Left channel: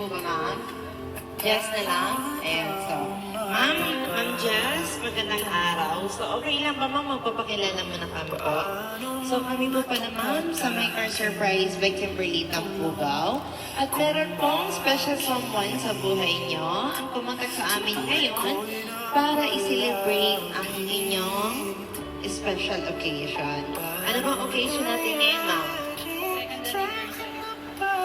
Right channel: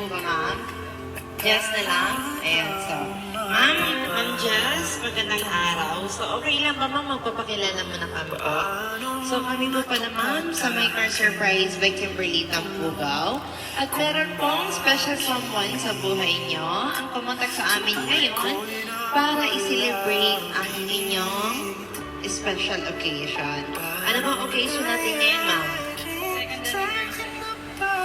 po ba, ma'am? Yes na lang? Ayan, so. Ma'am Jess, magandang araw. So, okay lang ba, ma'am? Magpapakilala mo na kami po. So, kami po pala, ma'am, sa My Car Surprise by Kimberly Tampugaw. At meron pong special someone sa buhay nyo ang pumunta sa amin ngayon para i-celebrate ang inyong special occasion. Ano bang occasion natin ngayon, ma'am?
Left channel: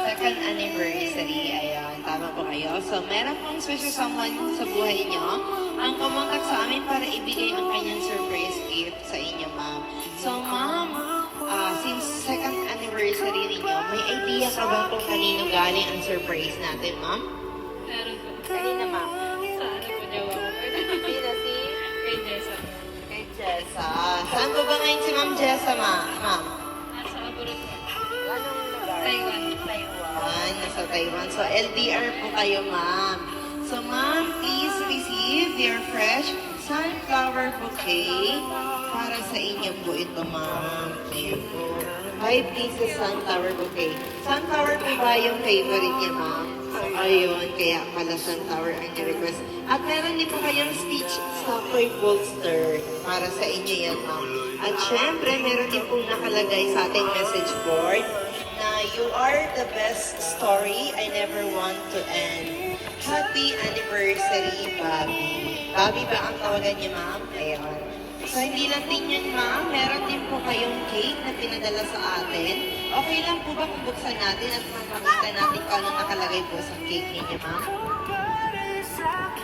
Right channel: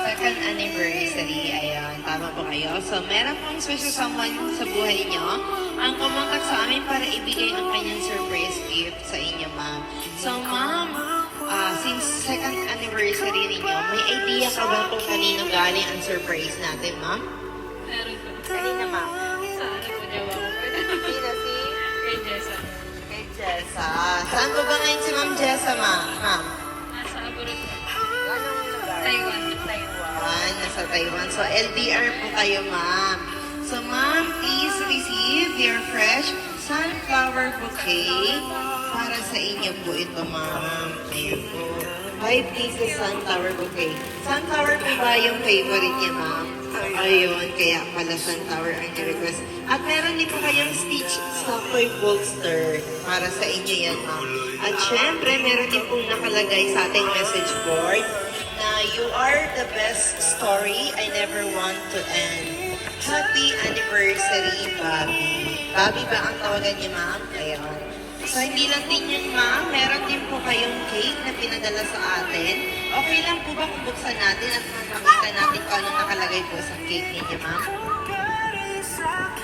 Second anniversary. Ayan, tama po kayo. So, meron pong special someone sa buhay nyo ang kumontak sa amin para ibigay ang kanyang surprise gift sa inyo, ma'am. So, ma'am, since second anniversary ninyo, may idea ka ba kung kanino galing ang surprise natin, ma'am? Meron po. Kanina, ma'am? Sa ano po jawa ko? Pina si? Kay Jessa. Kay Jessa. Saan po ba ngayon si Ma'am Jessa, ma'am? Nasa abroad po. Anong lugar? Taiwan. Nasa Taiwan. So, LDR po kayo, ma'am. So, ma'am, please receive your fresh sunflower bouquet para sa inyo po ito, ma'am. Ayun po. 5 pieces sunflower bouquet. Sunflower po ba yung favorite niya, ma'am? Ayun, kaya pala sunflower ang request. At meron din po kayong Stitch Stopper Bolster para sa inyo yan, ma'am. At syempre, meron din pong nakalagay sa ating message board na you are the best story I never want to end. Happy anniversary, Bobby. Bobby ba ang tawagan niya, ma'am? Ayun. So, hindi lang din yun, ma'am. Meron din po kayong cake na pinadala sa atin. Okay lang po ba kung buksan natin at makakita natin kung ano nakalagay po sa cake ninyo, ma'am?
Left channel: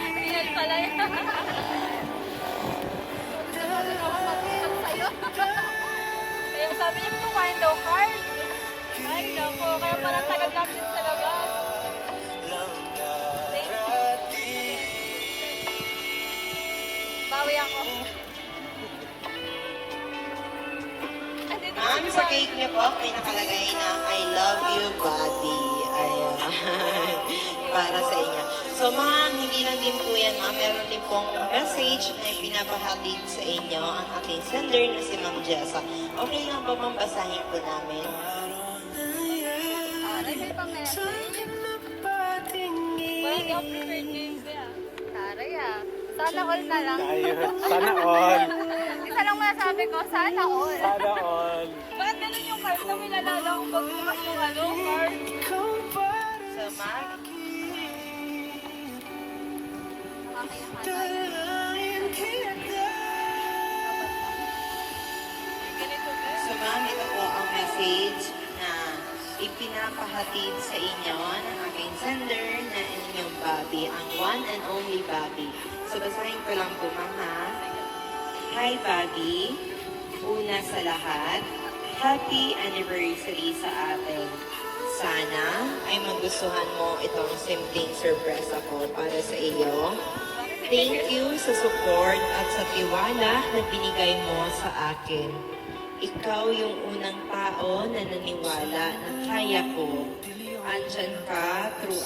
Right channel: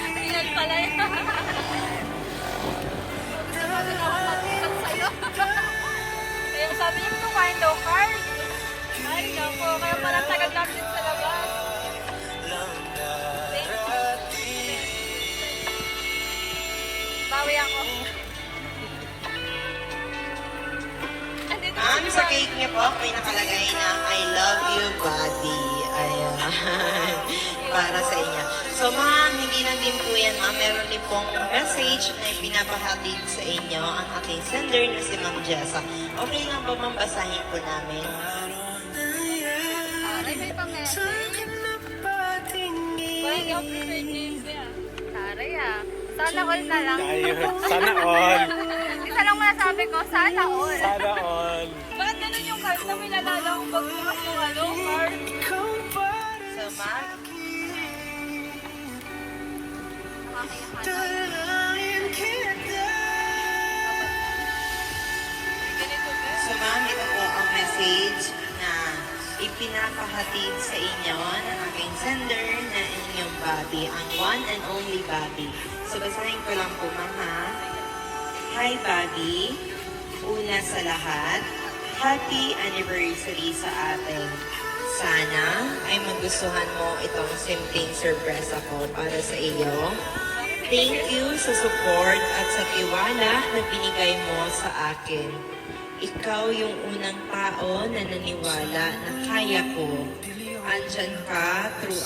Ilan pala yun? Yung sabi ko, window card. Ay, naku, kaya pala tagal natin talaga. Bawi ako. Ma'am, sa cake niyo po, may nakalagay na I love you, buddy. Ayan. Para sa inyo. So, ma'am, hindi lang din po yan, ma'am. Meron din pong message na ipinapahatid sa inyo ang aking sender na si Ma'am Jessa. Okay lang ba, ma'am, basahin po namin? Aray, may pang-message. Wala, hindi ako prepared ngayon, kuya. Aray, Sana all na lang. Sana all. Isa lang masasabi ko, sana all. Sana all. Bakit ganun yung card na minadala ko pag yung ano, card? So, ma'am, So, ma'am, ito po ang message na ipinapahatid sa inyo ng aking sender na inyong Bobby, ang one and only Bobby. So, basahin ko lang po, ma'am, ha? Hi, Bobby. Una sa lahat, happy anniversary sa atin. Sana ay magustuhan mo itong simpleng surprise ako para sa iyo. Thank you sa support at sa tiwala na binigay mo sa akin. Ikaw yung unang tao na naniwala na kaya ko. Andyan ka through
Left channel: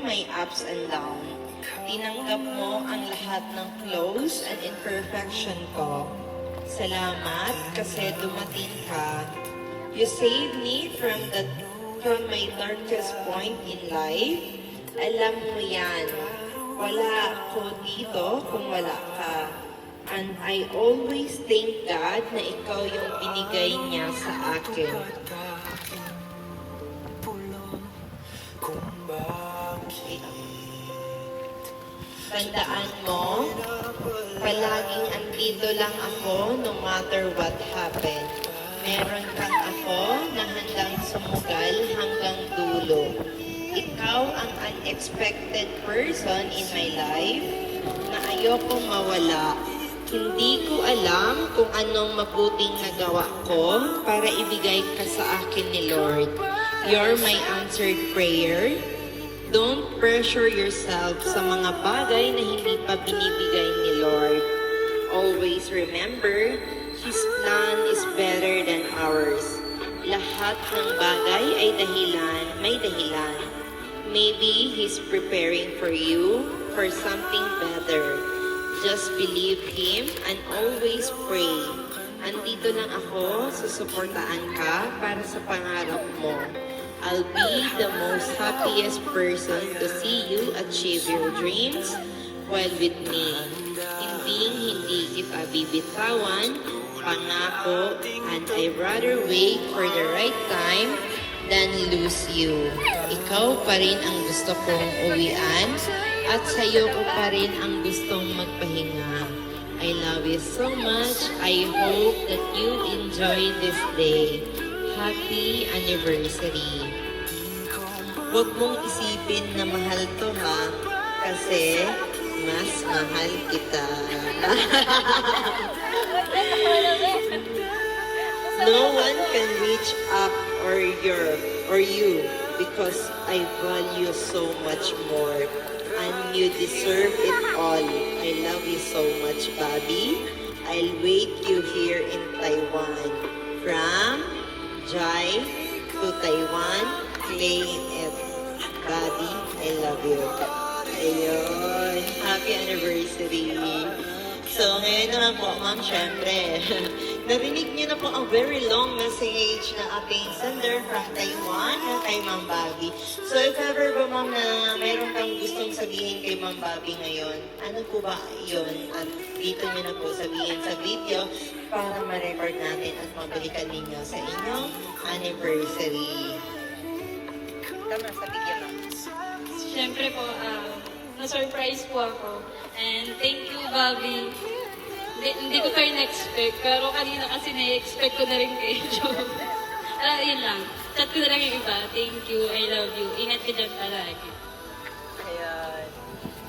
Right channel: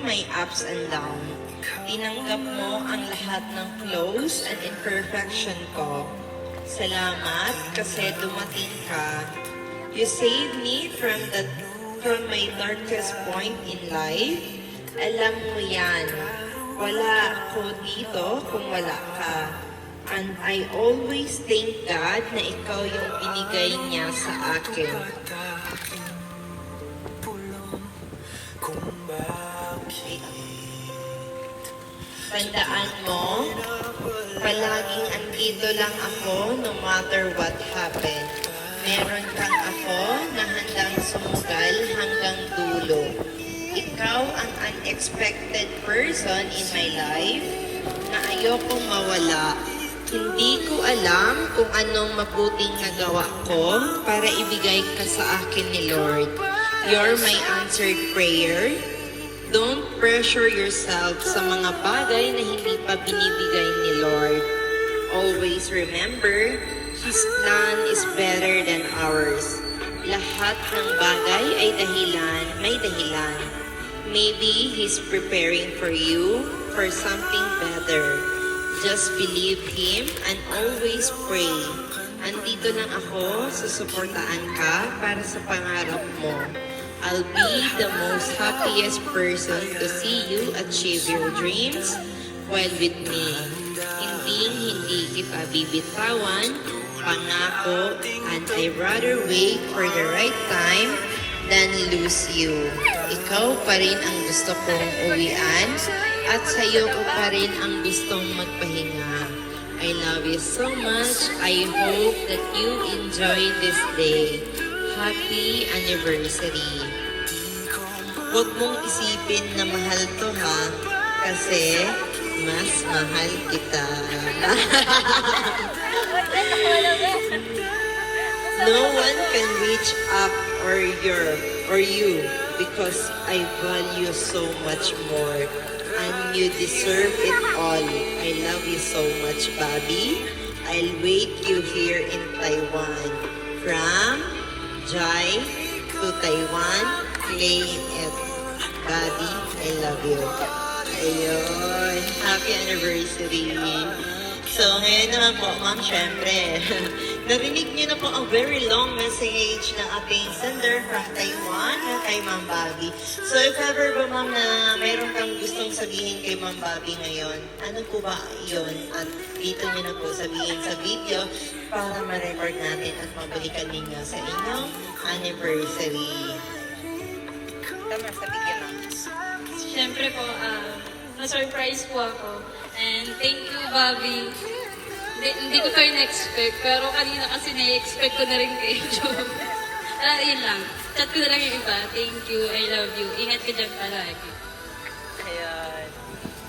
my ups and downs. Tinanggap mo ang lahat ng flaws and imperfection ko. Salamat kasi dumating ka. You saved me from my darkest point in life. Alam mo yan. Wala ako dito kung wala ka. And I always thank God na ikaw yung binigay niya sa akin. Tandaan mo, palaging andito lang ako no matter what happened. Meron kang ako na handang sumugal hanggang dulo. Ikaw ang unexpected person in my life na ayokong mawala. Hindi ko alam kung anong mabuting nagawa ko para ibigay ka sa akin ni Lord. You're my answered prayer. Don't pressure yourself sa mga bagay na hindi pa binibigay ni Lord. Always remember, His plan is better than ours. Lahat ng bagay ay may dahilan. Maybe He's preparing for you for something better. Just believe Him and always pray. Andito lang ako, susuportaan ka para sa pangarap mo. I'll be the most happiest person to see you achieve your dreams while with me. Hindi kita bibitawan, pangako, and I'd rather wait for the right time than lose you. Ikaw pa rin ang gusto kong uwian at sa'yo ko pa rin ang gustong magpahinga. I love you so much. I hope that you enjoy this day. Happy anniversary. Huwag mong isipin na mahal to ha, kasi mas mahal kita. No one can reach up or you because I value so much more. And you deserve it all. I love you so much, Bobby. I'll wait you here in Taiwan. From Jai to Taiwan, claim it. Bobby, I love you. Ayun. Happy anniversary. So, ngayon naman po, ma'am, syempre, narinig niyo na po a very long message ng ating sender from Taiwan, kay Ma'am Bobby. So, if ever ba, ma'am, na mayroon kang gustong sabihin kay Ma'am Bobby ngayon, ano po ba yun? At dito niyo na po sabihin sa video para ma-record natin at mabalikan ninyo sa inyong anniversary. Tama, sa video, ma'am. Siyempre po, na-surprise po ako. And thank you, Bobby. Hindi ko kayo na-expect, pero kanina kasi na-expect ko na rin kayo. Yun lang. Chat ko na lang yung iba. Thank you, I love you. Ingat ka dyan palagi. Ayan.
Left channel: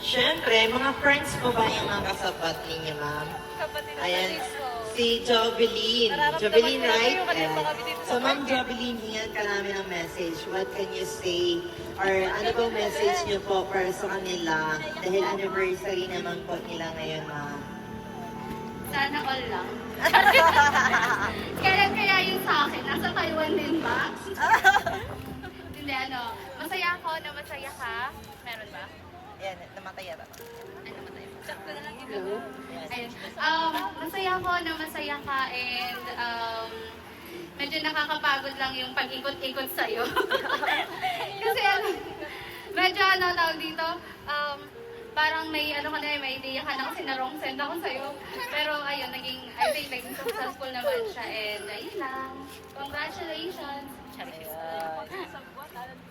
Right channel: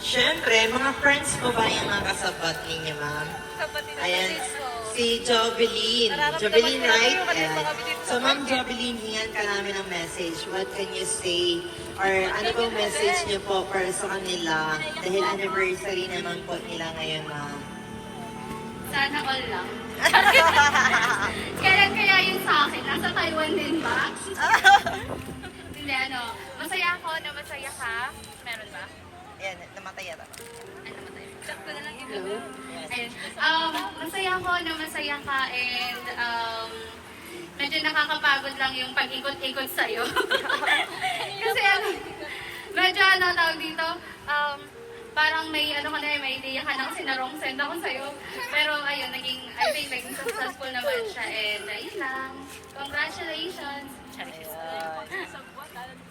Siyempre, mga friends mo ba yung mga kasabat ninyo, ma'am? Ayan. Si Jovelyn. Jovelyn, right? Ayan. So, Ma'am Jovelyn, hingan ka namin ng message. What can you say? Or ano bang message niyo po para sa kanila? Dahil anniversary naman po nila ngayon, ma'am. Sana all lang. Kaya yung sa akin, nasa Taiwan din ba? Hindi, masaya ako na masaya ka. Meron ba? Ayan, namatay ata. Sakto na lang ito. Ayan. Masaya ako na masaya ka and medyo nakakapagod lang yung pag-ikot-ikot sa'yo. Kasi medyo tawag dito, parang may may idea ka ng sinarong send ako sa'yo. Pero ayun, I think naging successful naman siya and ayun lang. Congratulations!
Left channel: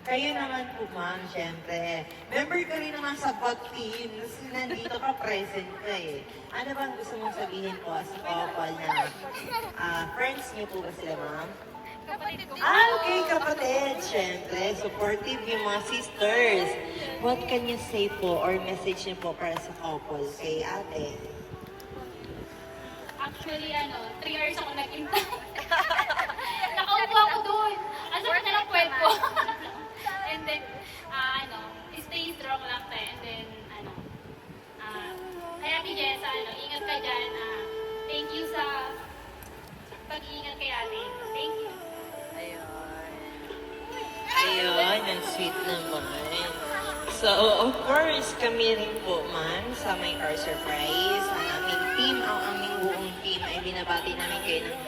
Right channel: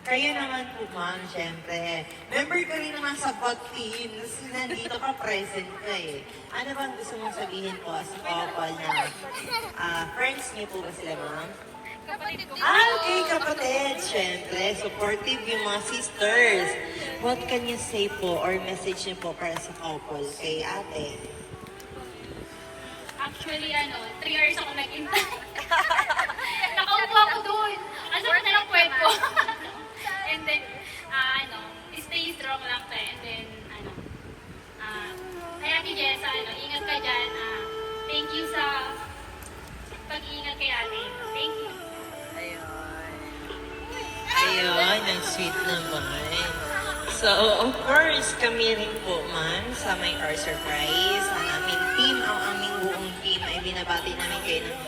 Kayo naman po, ma'am, syempre. Member ka rin naman sa bot team. Nandito ka, present ka eh. Ano bang gusto mong sabihin po as a couple na friends niyo po ba sila, ma'am? Okay, kapatid. Syempre, supportive yung mga sisters. What can you say po or message niyo po para sa couple kay ate? Actually, 3 years ako nag-intay. Nakaupo ako doon. Ano na lang kwento? And then, stay strong lang tayo. And then, kaya Jessa, ingat ka dyan. Thank you sa pag-iingat kay ate. Thank you. Ayun, ang sweet naman. So, of course, kami rin po, ma'am, sa My Car Surprise, ang aming team, ang aming buong team, ay binabati namin kayo ng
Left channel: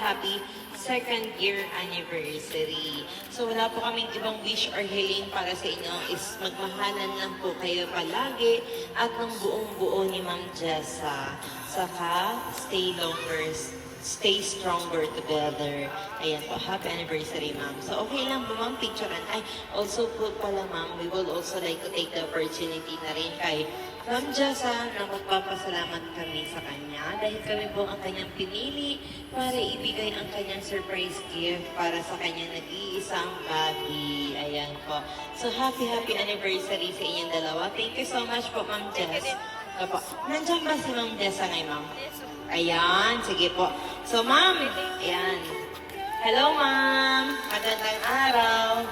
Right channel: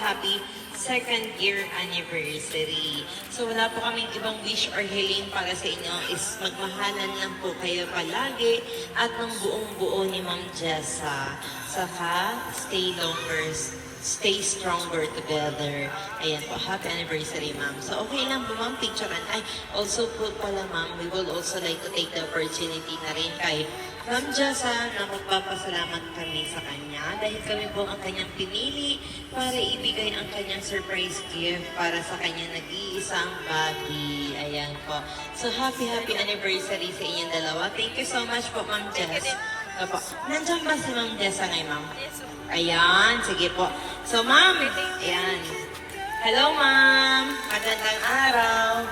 happy second year anniversary. So, wala po kaming ibang wish or hiling para sa inyo is magmahalan lang po kayo palagi at ng buong-buo ni Ma'am Jessa. Saka, stay stronger together. Ayan po, happy anniversary, ma'am. So, okay lang po, ma'am, picturean. Ay, also po pala, ma'am, we will also like to take the opportunity na rin kay Ma'am Jessa na magpapasalamat kami sa kanya dahil kami po ang kanyang pinili para ibigay ang kanyang surprise gift para sa kanyang nag-iisang Bobby. Ayan po. So, happy anniversary sa inyong dalawa. Thank you so much po, Ma'am Jess. Opo. Nandiyan ba si Ma'am Jessa ngayon, ma'am? Ayan, sige po. So, ma'am, ayan. Hello, ma'am. Magandang araw.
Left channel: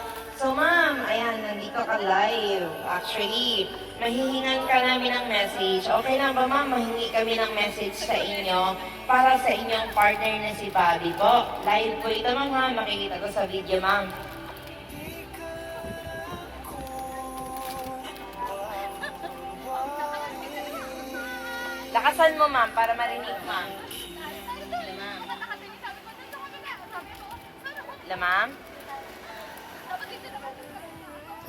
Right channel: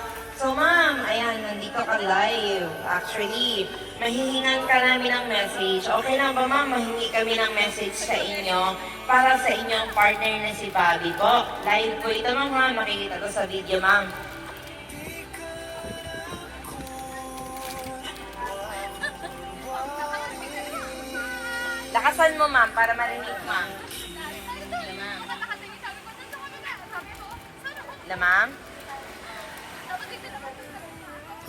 So, ma'am, ayan, nandito ka live. Actually, mahihingan ka namin ng message. Okay lang ba, ma'am? Mahingi kami ng message sa inyo para sa inyong partner na si Bobby po. Live po ito, ma'am, ha? Makikita ko sa video, ma'am. Lakasan mo, ma'am, para marinig, ma'am. Ito, ma'am. Ito, ma'am.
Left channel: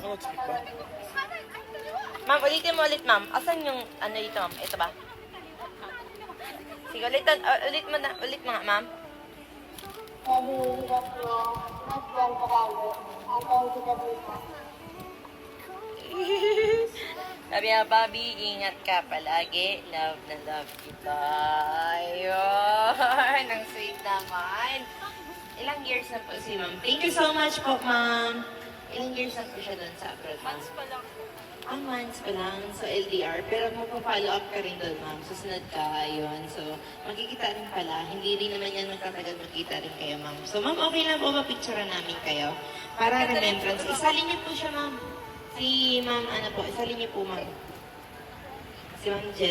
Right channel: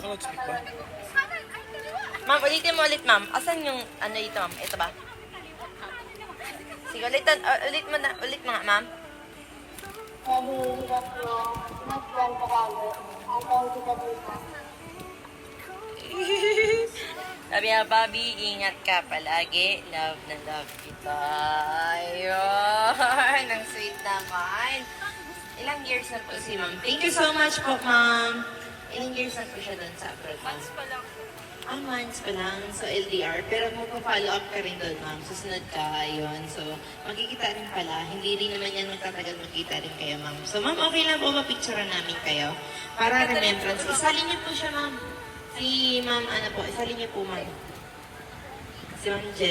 Naka-loudspeak ba? Ma'am, ulitin mo ulit, ma'am. Asan yung ano ito, ma'am? Ito ba? Sige, ulit mo nga, ma'am. Sabi nga, Bobby, ingat ka palagi. Love na love kita. Ayun, ang sweet naman. Ilang years na po si ma'am? Thank you so much po, ma'am. Ilang years na po siya doon sa abroad, ma'am? Months pa lang sa LDR, pero magpa-follow up ka rin doon, ma'am. Susunod ka, yun. So, magkikita rin pala. Hindi rin naman yan magtatagal magkita rin kayo, ma'am. So, ma'am, okay lang po mapicturean namin kayo para remembrance. Isalin niyo po siya, ma'am. Si ma'am, ano po, isalin niyo po, ma'am. Si ma'am Jel.